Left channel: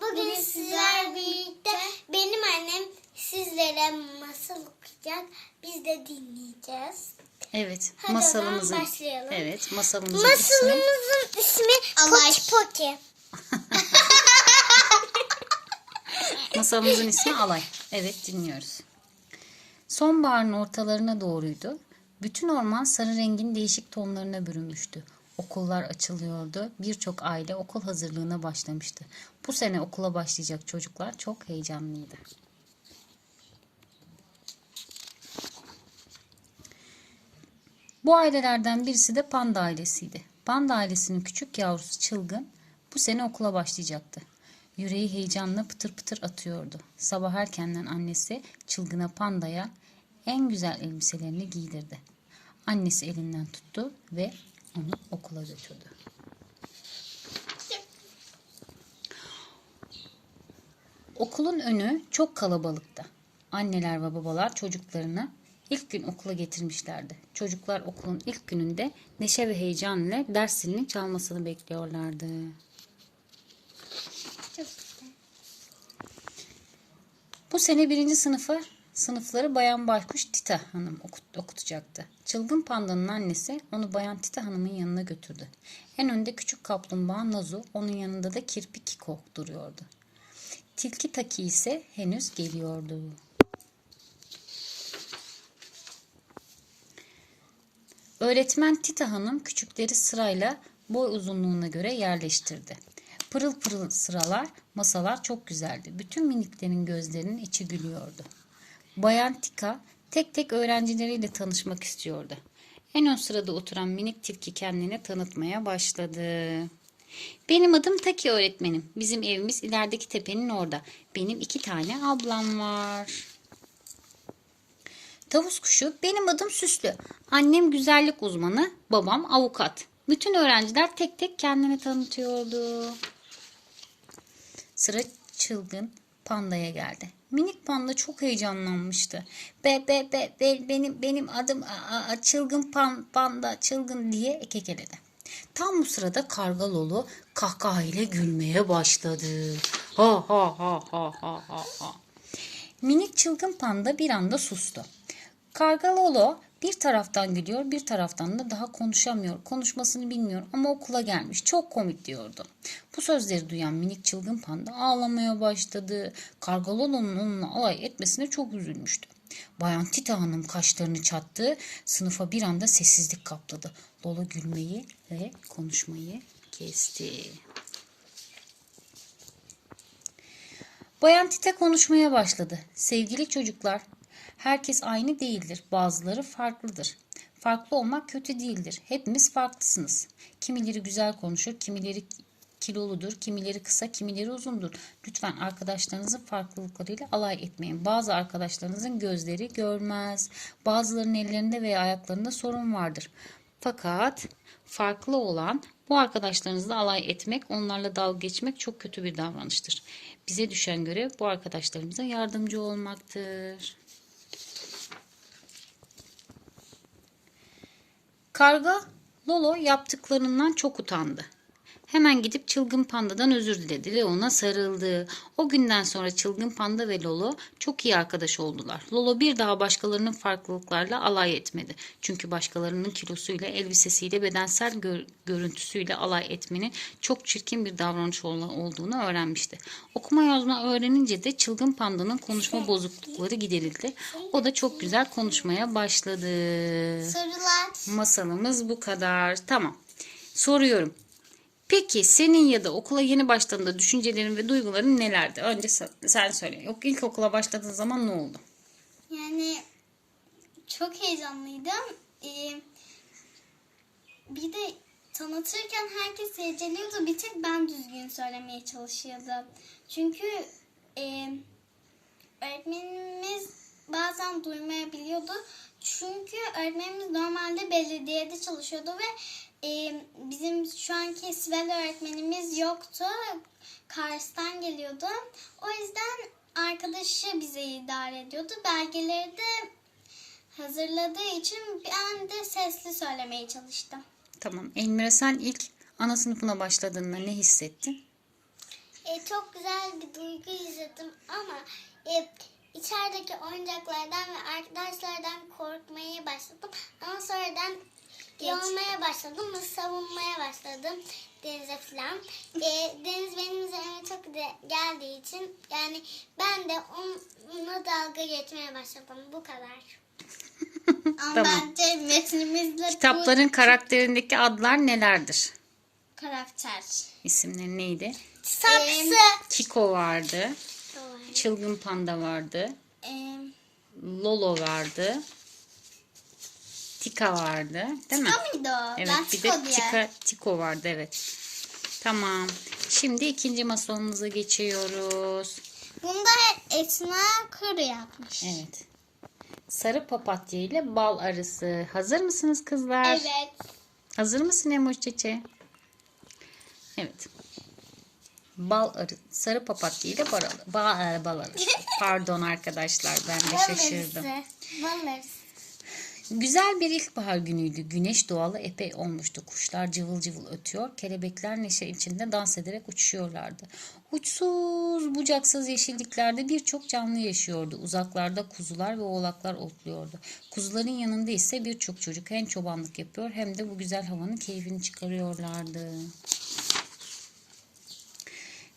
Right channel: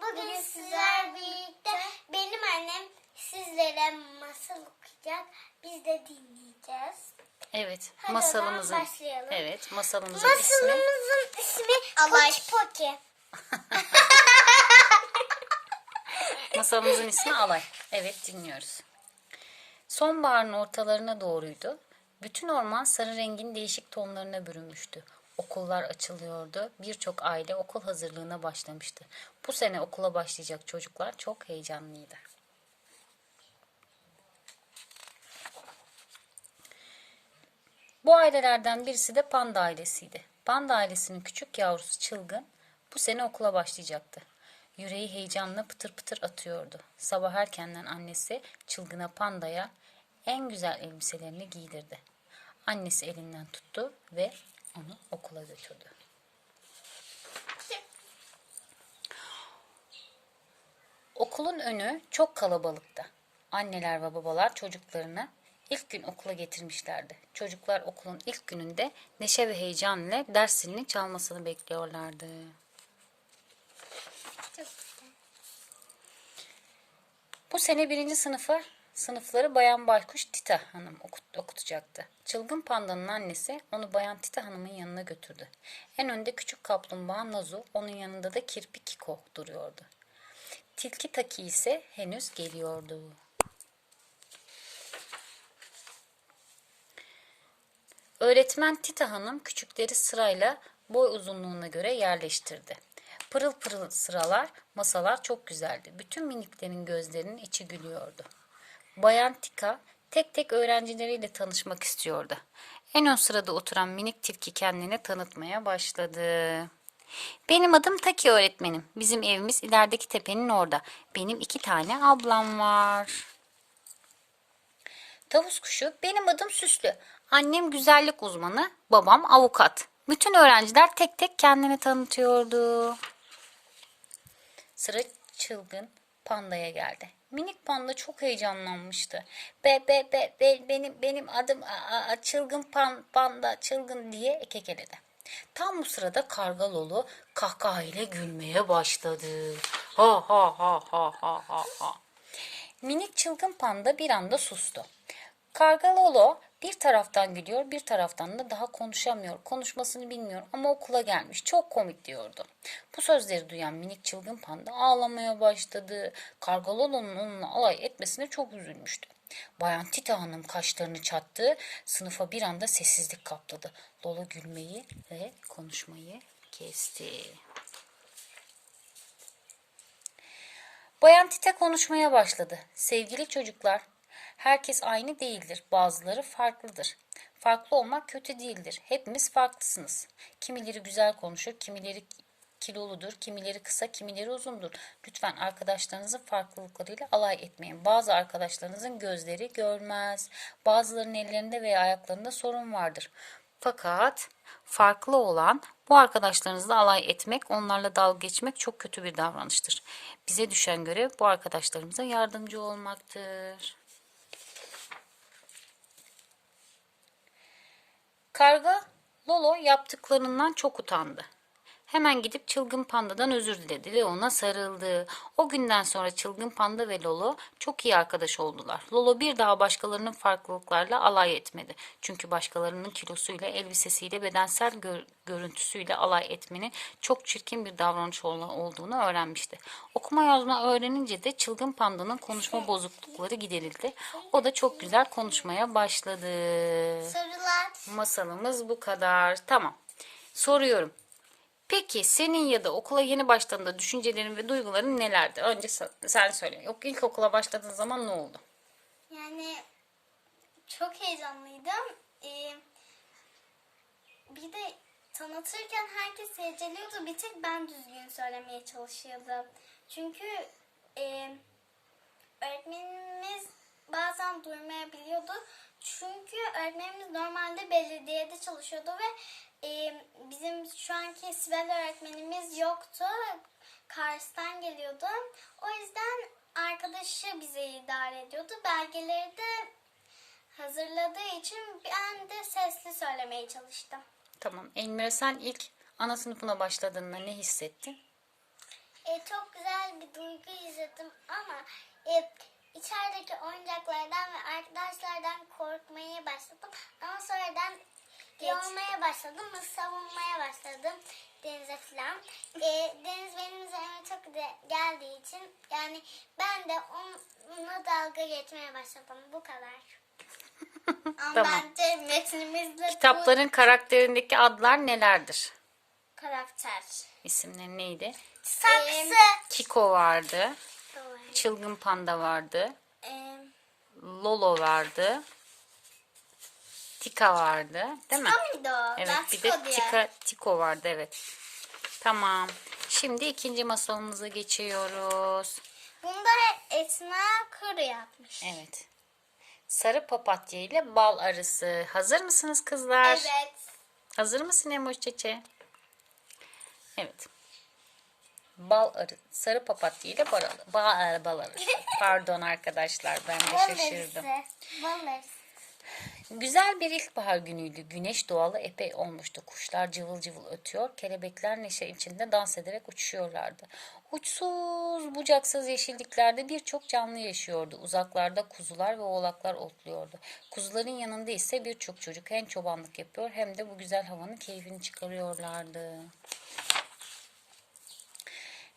Bugün sizler birlikte benim annem sizlere masal okuyacak. Biz de dinleyeceğiz. Evet, Hadi masalımızın başlayalım. Evet, masalımızın ismi Masalımızın ismi Alay. Poki Poki. masalımızın ismi Alay. Evet, dinliyoruz. Sonbaharın ortalarına doğruydu. Bütün orman sarı rengin değişik tonlarına bürünmüştü. Okullar açılıyordu. Birçok aile okul hazırlığına başlamıştı. Bu sene okula başlayacak çocuklar çok heyecanlıydı. Bu ailelerden birisi de Panda ailesiydi. Panda ailesinin küçük yavrusu Çılgın bu sene okula başlayacaktı. Yüreği heyecanla pıtır pıtır atıyordu. Sabah erkenden annesi Çılgın'a Panda'ya en güzel elbiselerini giydirdi. Annesi elinden tuttu ve onu okula götürdü. Okulun önü çok kalabalıktı. Anneler ve babalar çocuklarını ilk gün okula getirmişlerdi. Çocuklar okulun ilk gününde neşe ve heyecan ile ders zilini çalmasını bekliyorlardı. Bu sene birinci sınıfı sınıfları Bayan Baykuş Tita Hanım okut- okutacaktı. Çılgın pandanın annesi onu Bayan Tita Hanım'ın yanına götürdü. En önde küçük kaplumbağa Nazu, onun yanında da kirpi Kiko duruyordu. Tilki Taki ise henüz geliyordu. Öğretmen Tita Hanım küçükleri sırayla boy uzunluğuna göre yerleştirdi. Pırıl pırıl sıralar, masalar çok güzeldi. Bütün miniklerin gözlerinin içi gülüyordu. Bayan Tika tek tek öğrencileriyle tanışmak istiyordu. En ön sırada oturan minik tilki kendini tanıtmaya başladı. Benim adım Taki öğretmenim. Bizim evimiz ilerideki tepenin orada. Benim iki tane ablam var. Tavus kuşu benim adım Süslü. Annem güzellik uzmanı, babam avukat. Bütün öğrenciler tek tek kendini tanıtıyordu. Sıra çılgın pandaya geldi. Minik panda çok heyecanlanmıştı. Be be be, be benim benim adım a, a, çılgın pan, panda çılgın diye kekeledi. Tam bu sırada karga Lolo kahkahayla gülmeye başladı. Ha ha ha ha ha ha ha. Minik çılgın panda bir anda sustu. Karga Lolo bir taraftan gülüyor, bir taraftan da daha konuşamıyor. Konuşmasını bilmiyor ama okula gelmiş. Çok komik diyordu. Bu sözleri duyan minik çılgın panda ağlamaya başladı. Karga Lolo'nun onunla alay etmesine çok üzülmüştü. Bayan Tita Hanım kaşlarını çattı. Sınıfa bir anda sessizlik kapladı. Lolo gülmeyi ve konuşmayı kesti. Bayan Tite konuşmaya başladı. Sevgili çocuklar, herkes aynı değildir. Bazıları farklıdır. Farklı olmak kötü değildir. Hepimiz farklısınız. Kimileri güzel konuşur, kimileri kiloludur, kimileri kısa, kimileri uzundur. Lütfen arkadaşlarınızın farklılıklarıyla alay etmeyin. Bazı arkadaşlarınızın gözleri görmez. Bazılarının ellerinde veya ayaklarında sorun vardır. Fakat farklı olan bu arkadaşlarınızla alay etmek, onlarla dalga geçmek çok kötü bir davranıştır. Bize düşen görev bu arkadaşlarımıza yardımcı olmaktır. Karga Lolo yaptıklarından çok utandı. Hemen gidip çılgın pandadan özür diledi ve ona sarıldı. O günden sonra çılgın panda ve Lolo çok iyi arkadaş oldular. Lolo bir daha başkalarının farklılıklarla alay etmedi. Çünkü başkalarının kilosuyla, elbisesiyle, bedensel gör- görüntüsüyle alay etmenin çok çirkin bir davranış ol- olduğunu öğrenmişti. Okuma yazma öğrenince de çılgın pandanın konuşma bozuklukları giderildi. O da çok güzel konuşmaya başladı. Sorular. Masalımız bu kadar. Tamam. Soruyorum. Peki senin ya da okula yeni başladığında düşüncelerin ve duyguların nelerdi? Önce sen, söyle. Yok ilk okula başladığın zaman ne oldu? Yani çok heyecanlıydım. Ee, bir de tanıtırken herkes heceliyordu. Bir tek ben düzgün söylemeye çalışıyordum. Çünkü e, öğretmenimiz bazen duymayabiliyordu. Çünkü öğretmenimiz normalde belediyede çalışıyordu ve e, bizim şu anki Sibel öğretmenimiz yoktu. Kars'tan geliyordu. O yüzden arkadaşı bize idare ediyordu. Belgeleri de hazırladığı için ben de sesli söylemeye çalıştım. Tamam. Elmira sen ilk ana sınıfına başladığında ne hissettin? e, çok güzel bir duygu yaşadım ama e, içerideki oyuncaklardan ve arkadaşlardan korkmaya başladım. Ama sonradan iyi olmaya başladım ve savunmaya başladım denize falan. E, deniz benim üzerime çok de geldiği için yani ben de onunla dalga geçmeye başladım. Bu kadar. Ama Tamam. bence metnimizle Kitapların karakterindeki adlar nelerdir? bu karakter. İsimleri neydi? Saksı. Kiko vardı. Çılgın Panda vardı. Ee, Lolo vardı. Tika vardı. Değil mi? o muydu o? Evet ben bir Tiko de diye. Tika, Tiko vardı evet. Tamam. Şimdi ikinci masalımıza geçiyoruz. Bunda Esma Kuru yapmış. Evet. Sarı papatya ile bal arısı. Hazır mısınız kızlar? Evet. Hazır mısın Emoş Çeçe? Evet. Bal arı, sarı papatya ile bal, bal, bal arısı. Pardon arkadaşlar ben de şaşırdım. Güzel bir ilkbahar günüydü. Güneş doğalı epey olmuştu. Kuşlar cıvıl cıvıl ötüyor. Kelebekler neşe içinde dans ederek uçuşuyorlardı. Uçsuz bucaksız yeşilliklerde birçok canlı yaşıyordu. Uzaklarda kuzular ve oğlaklar otluyordu. Kuzuların yanında ise birçok çocuk hem çobanlık yapıyor hem de bu güzel havanın keyfini çıkarıyorlardı.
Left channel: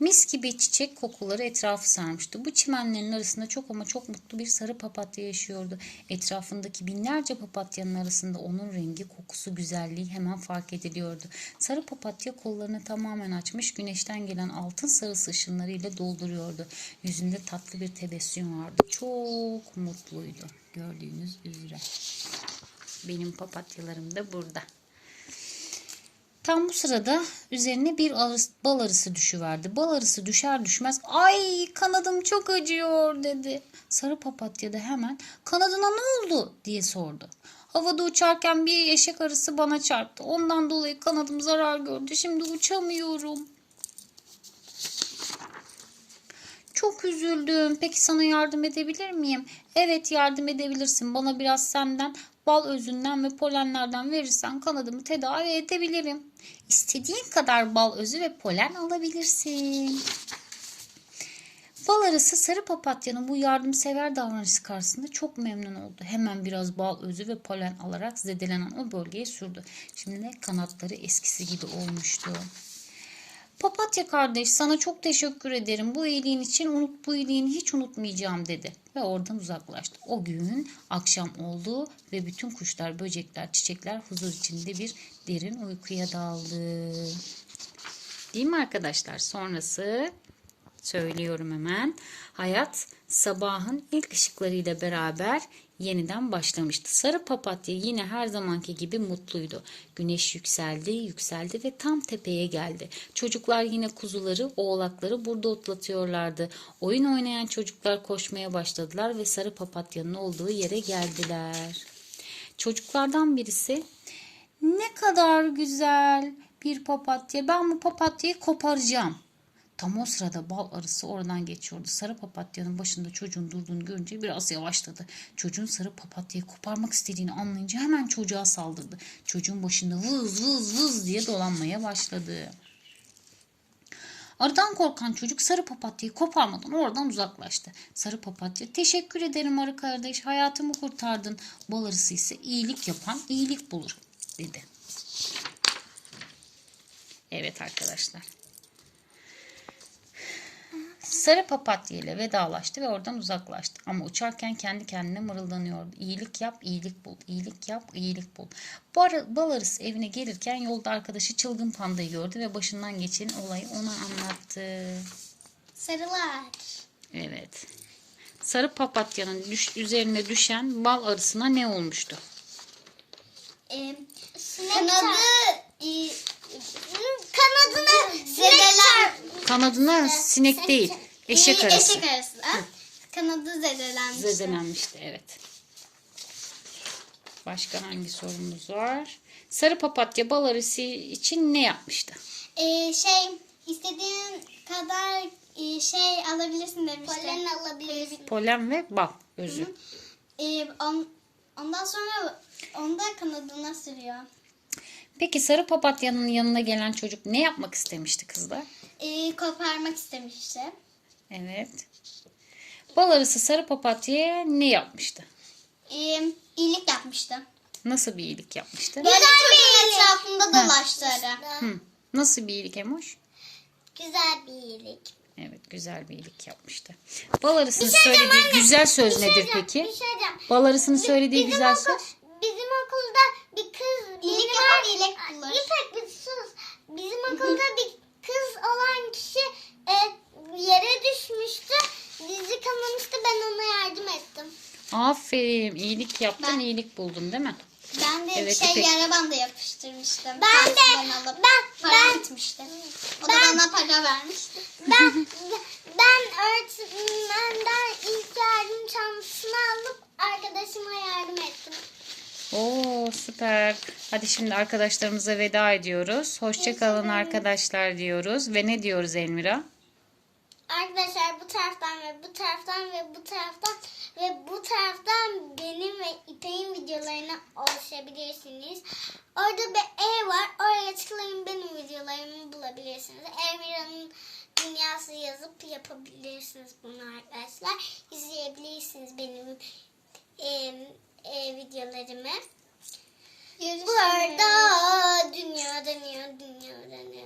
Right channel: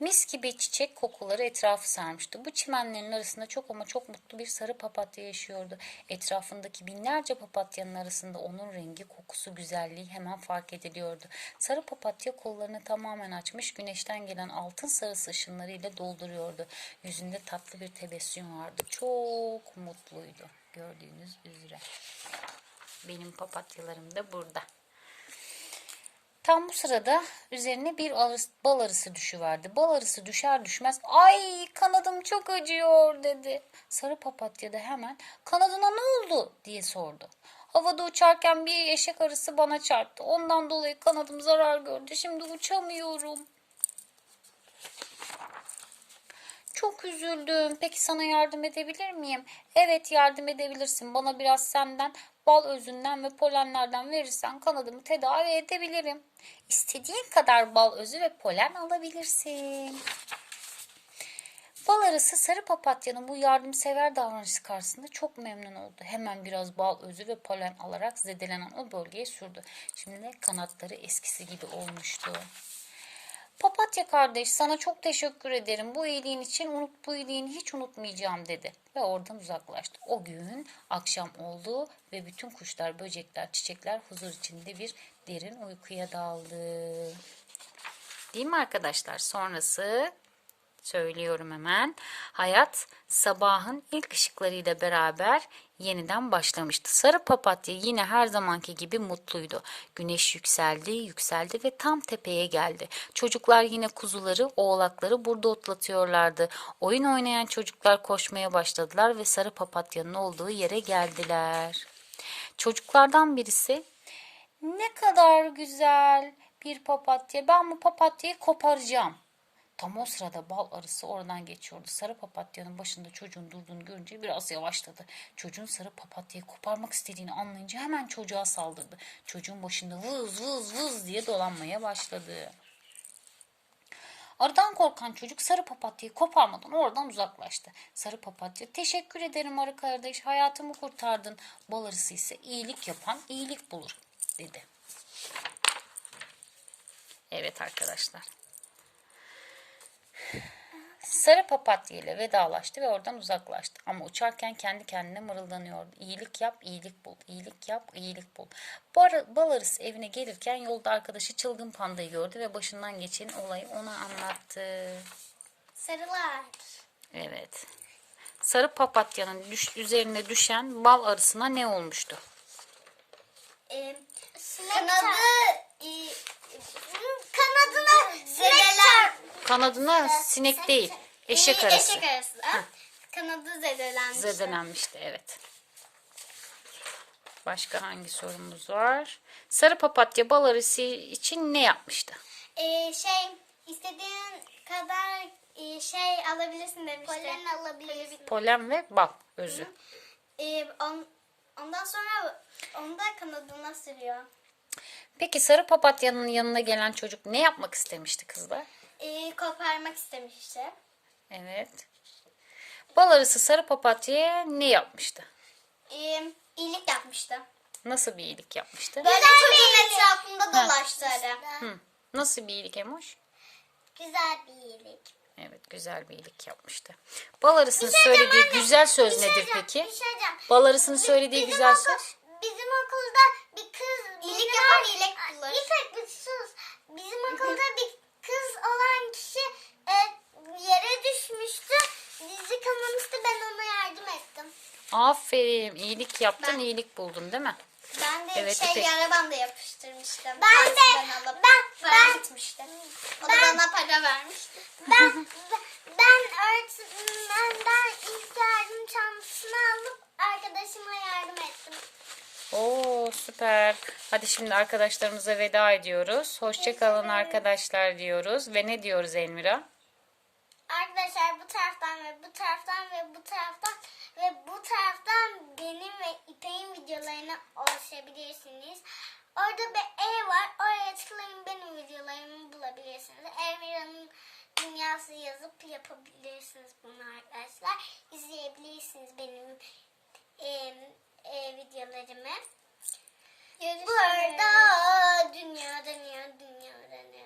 Mis gibi çiçek kokuları etrafı sarmıştı. Bu çimenlerin arasında çok ama çok mutlu bir sarı papatya yaşıyordu. Etrafındaki binlerce papatyanın arasında onun rengi, kokusu, güzelliği hemen fark ediliyordu. Sarı papatya kollarını tamamen açmış, güneşten gelen altın sarısı ışınlarıyla dolduruyordu. Yüzünde tatlı bir tebessüm vardı. Çok mutluydu gördüğünüz üzere. Benim papatyalarım da burada. Tam bu sırada üzerine bir bal arısı düşüverdi. Bal arısı düşer düşmez ay kanadım çok acıyor dedi. Sarı papatya da hemen kanadına ne oldu diye sordu. Havada uçarken bir eşek arısı bana çarptı. Ondan dolayı kanadım zarar gördü. Şimdi uçamıyorum. Çok üzüldüm. Peki sana yardım edebilir miyim? Evet yardım edebilirsin. Bana biraz senden bal özünden ve polenlerden verirsen kanadımı tedavi edebilirim. İstediğin kadar bal özü ve polen alabilirsin. Bal arısı sarı papatyanın bu yardımsever davranışı karşısında çok memnun oldu. Hemen biraz bal özü ve polen alarak zedelenen o bölgeye sürdü. Şimdi de kanatları eskisi gibi olmuştu. Papatya kardeş sana çok teşekkür ederim. Bu iyiliğin için unut bu iyiliğini hiç unutmayacağım dedi. Ve oradan uzaklaştı. O gün akşam oldu ve bütün kuşlar, böcekler, çiçekler huzur içinde bir derin uykuya daldı. Değil mi arkadaşlar? Sonrası söylüyorum hemen. Hayat sabahın ilk ışıklarıyla beraber yeniden başlamıştı. Sarı papatya yine her zamanki gibi mutluydu. Güneş yükseldi, yükseldi ve tam tepeye geldi. Çocuklar yine kuzuları, oğlakları burada otlatıyorlardı. Oyun oynayan çocuklar koşmaya başladılar ve sarı papatyanın olduğu yere geldiler. Çocuklardan birisi ne kadar güzel bir papatya. Ben bu papatyayı koparacağım. Tam o sırada bal arısı oradan geçiyordu. Sarı papatyanın başında çocuğun durduğunu görünce biraz yavaşladı. Çocuğun sarı papatyayı koparmak istediğini anlayınca hemen çocuğa saldırdı. Çocuğun başında vız vız vız diye dolanmaya başladı. Arıdan korkan çocuk sarı papatyayı koparmadan oradan uzaklaştı. Sarı papatya teşekkür ederim arı kardeş hayatımı kurtardın. Bal arısı ise iyilik yapan iyilik bulur dedi. Evet arkadaşlar. Sarı papatya ile vedalaştı ve oradan uzaklaştı. Ama uçarken kendi kendine mırıldanıyordu. İyilik yap, iyilik bul. İyilik yap, iyilik bul. Bar bal arısı evine gelirken yolda arkadaşı çılgın pandayı gördü ve başından geçen olayı ona anlattı. Sarılar. Evet. Sarı papatyanın düş, üzerine düşen bal arısına ne olmuştu? Ee, kanadı e, kanadına sinek Kanadına sinek değil, eşek Ee, arısı. Eşek arısı. Kanadı zedelenmiş. Zedelenmişti evet. Başka hangi sorumuz var? Sarı papatya bal arısı için ne yapmıştı? Ee, şey istediğin kadar e, şey alabilirsin demişti. Polen alabilirsin. Polen ve bal özü. Ee, on, ondan sonra onu da kanadına sürüyor. Peki sarı papatyanın yanına gelen çocuk ne yapmak istemişti kızlar? Ee, koparmak istemişti. Evet. Bal arısı sarı papatya'ya ne yapmıştı? E, iyilik yapmıştı. Nasıl bir iyilik yapmıştı? Böyle Güzel bir çocuğun etrafında dolaştı arı. Hı. Nasıl bir iyilik Emoş? Güzel bir iyilik. Evet güzel bir iyilik yapmıştı. Bal arısının söylediği güzel söz Bir şey nedir peki? Bir şey diyeceğim. Bal arısının söylediği Bizim güzel okul- söz? Bizim okulda bir kız... İyilik bizim yapan ok- iyilik bulur. İpek bir sus. Bizim okulda bir kız olan kişi e, yere düşmüştü. Dizi kanamıştı. Ben ona yardım ettim. Aferin. iyilik yaptın, Ben- iyilik buldun değil mi? Ben de Evet, şey İpek. bandı yapıştırmıştım. Ben de- alıp ben- para ben- gitmişti. O da ben- bana para vermişti. Ben ben öğretmenden ilk yardım çantasını alıp arkadaşıma yardım ettim. Oo süper. Hadi şimdi arkadaşlarımıza veda ediyoruz. Hoşça kalın arkadaşlar diyoruz. Ve ne diyoruz Elmira? Arkadaşlar bu taraftan ve bu taraftan ve bu taraftan ve bu taraftan benim ve İpek'in videolarına ulaşabilirsiniz. Orada bir ev var. Oraya tıklayın benim videolarımı bulabilirsiniz. Elmira'nın dünyası yazıp yapabilirsiniz bunu arkadaşlar. İzleyebilirsiniz benim e, e, videolarımı. Görüşmeler. Bu arada dünya dönüyor, dünya dönüyor.